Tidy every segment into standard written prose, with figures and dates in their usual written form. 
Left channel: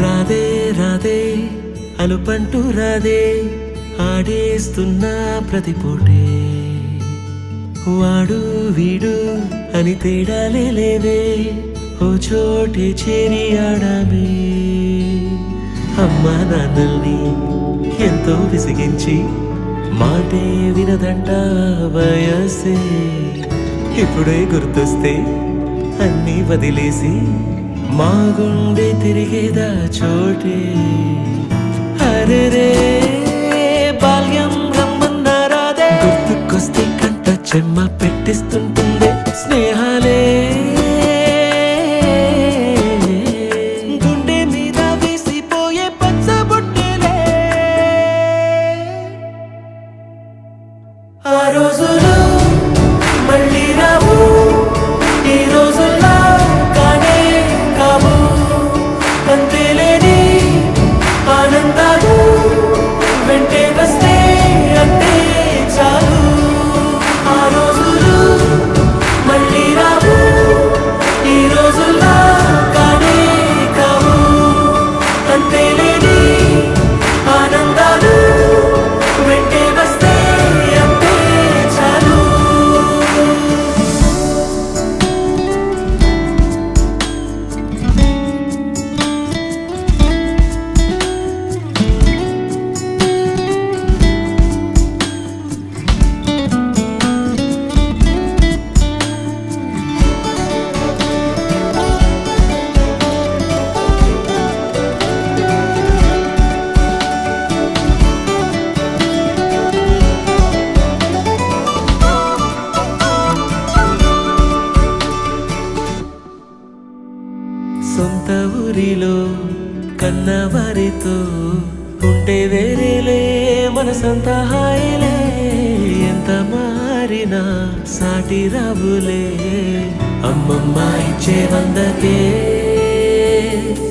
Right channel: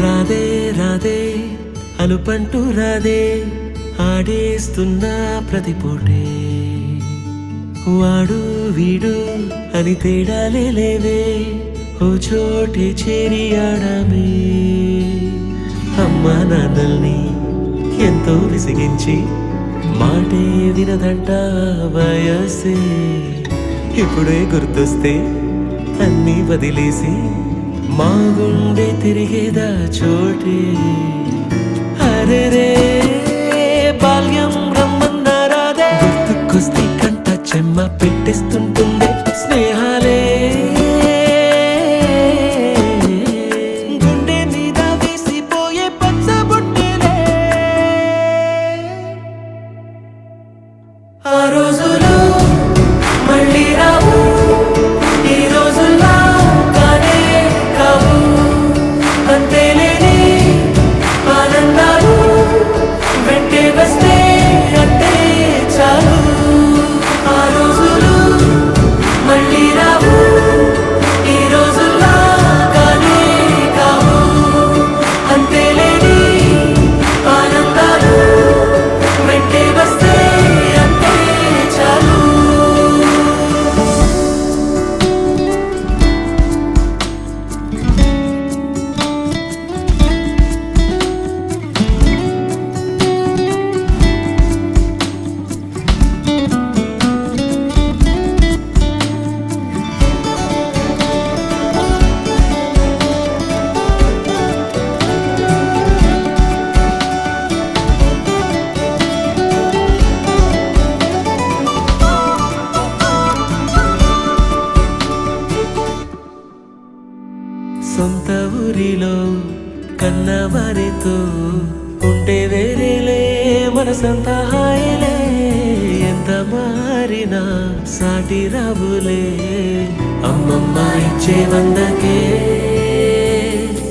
రాధే రాధే అలుపంటూ రాధే ఆడేస్తున్నా ప్రతిపోటే వాడు వీడు అని తేడాలే లేవే ఓ చోటే చేరి ఆడామే అమ్మా నాన్నల్ని ఎంతో విసిగించి మాటే వినదంట వయసే ఇప్పుడే గుర్తొస్తే అన్నీ వదిలేసి మా గుండె తిరిగేదా చోటే అరే రే బాల్యం రమ్మన్నారాదే గుర్తుకొస్తే కంట చెమ్మ పెట్టిస్తుంటుందే స్నేహాలే గుండె మీద వేసిపోయే పచ్చబొట్టెలే ఆ రోజులు మళ్ళీ రావు ఈ రోజుల్లా కానే కావు అంతేలేని ఆనందాలు వెంటే వస్తే అంటే చాలు ఆ రోజులు మళ్ళీ రావు ఈ రోజుల్లా కానే కావు అంతేలేని ఆనందాలు వెంటే వస్తే అంటే చాలు సొంత ఊరిలో కన్నవారితో ఉంటే వేరేలే మనసంత హాయిలే ఎంత మారినా సాటి రావులే అమ్మమ్మ ఇచ్చే వందకే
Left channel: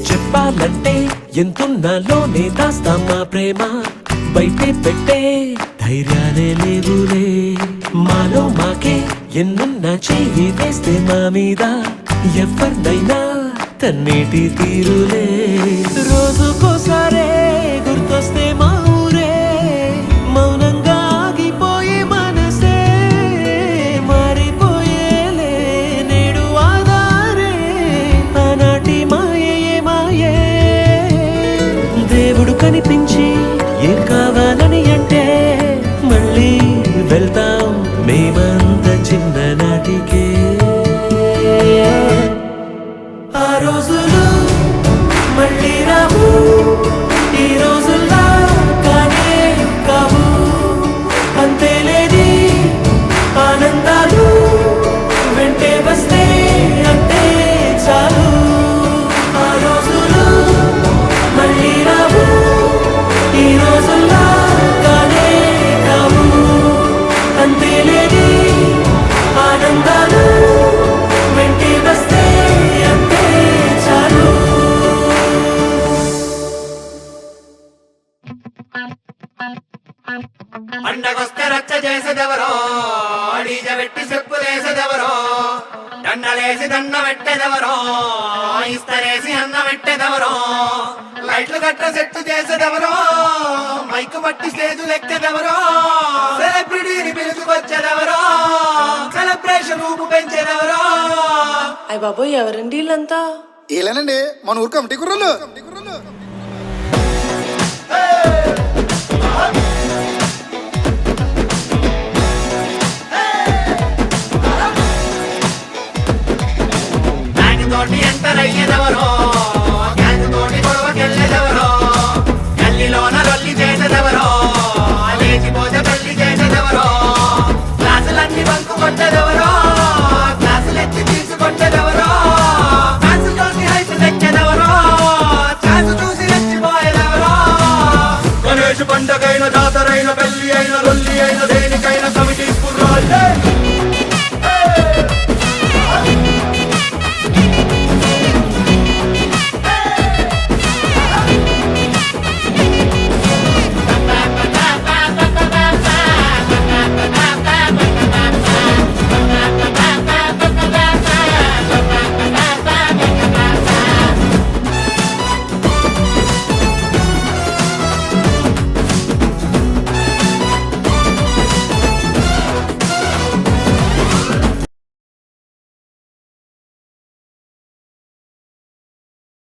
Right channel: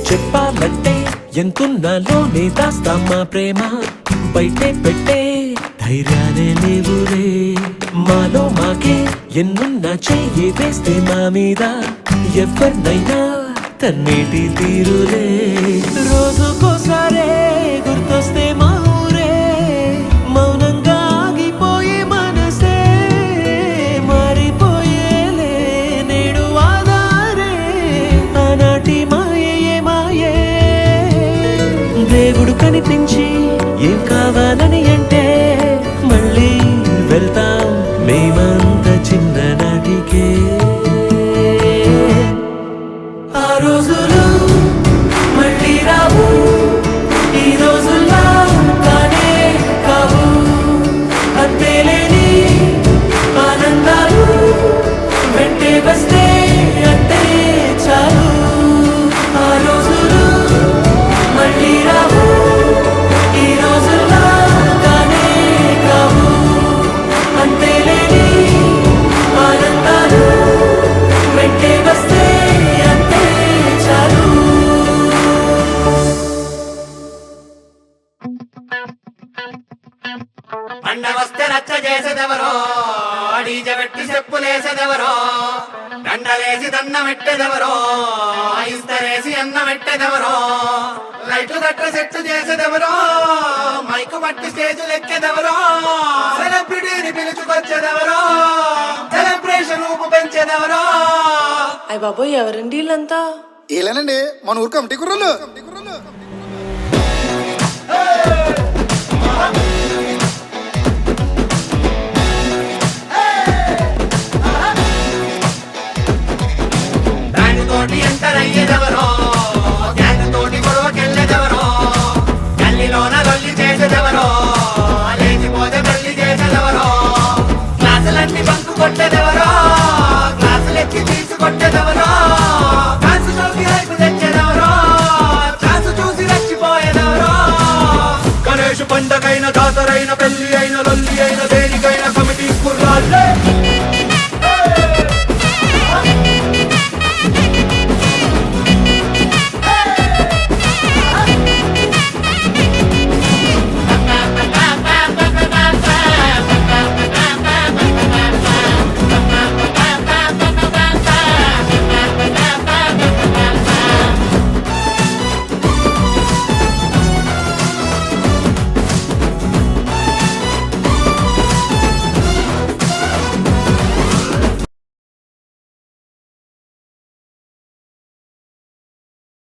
చెప్పాలంటే ఎంతున్నాలోనే దాస్తామా ప్రేమ బయటే పెట్టే ధైర్యాలే లేవులే మాలో మాకే ఎన్నున్నా చెయ్యి వేస్తే మా మీద ఎవరినైనా తన్నేటి తీరులే రోజుకోసారే గుర్తొస్తే మా ఊరే మౌనంగా ఆగిపోయే మనసే మారిపోయేలే నేడు ఆధారే ఆనాటి మాయే మాయే దేవుడు కనిపించి ఏం కావాలని అంటే మళ్ళీ వెళ్తాం మేమంత చిన్ననాటికే ఆ రోజులు మళ్ళీ రావు ఈ రోజుల్లా కానే కావు అంతేలేని ఆనందాలు వెంటే వస్తే అంటే చాలు ఆ రోజులు మళ్ళీ రావు ఈ రోజుల్లా కానే కావు అంతేలేని ఆనందాలు వెంటే వస్తే అంటే చాలు పండగొస్తే రచ్చ చేసేదెవరో డీజె పెట్టి చెప్పులేసేదెవరో దండలేసి దండ పెట్టేదెవరో ఇస్తరేసి అన్న పెట్టేదెవరో లైట్లు కట్ట సెట్టు చేసేదెవరో మైకు పట్టి స్టేజులు ఎక్కేదెవరో సెలబ్రిటీని పిలుచుకొచ్చేదెవరో సెలబ్రేషన్ ఊపు పెంచేదెవరో అయ్య బాబోయ్ ఎవరండి వీళ్ళంతా ఏలేనండి మన ఊరు కమిటీ కుర్రోళ్ళు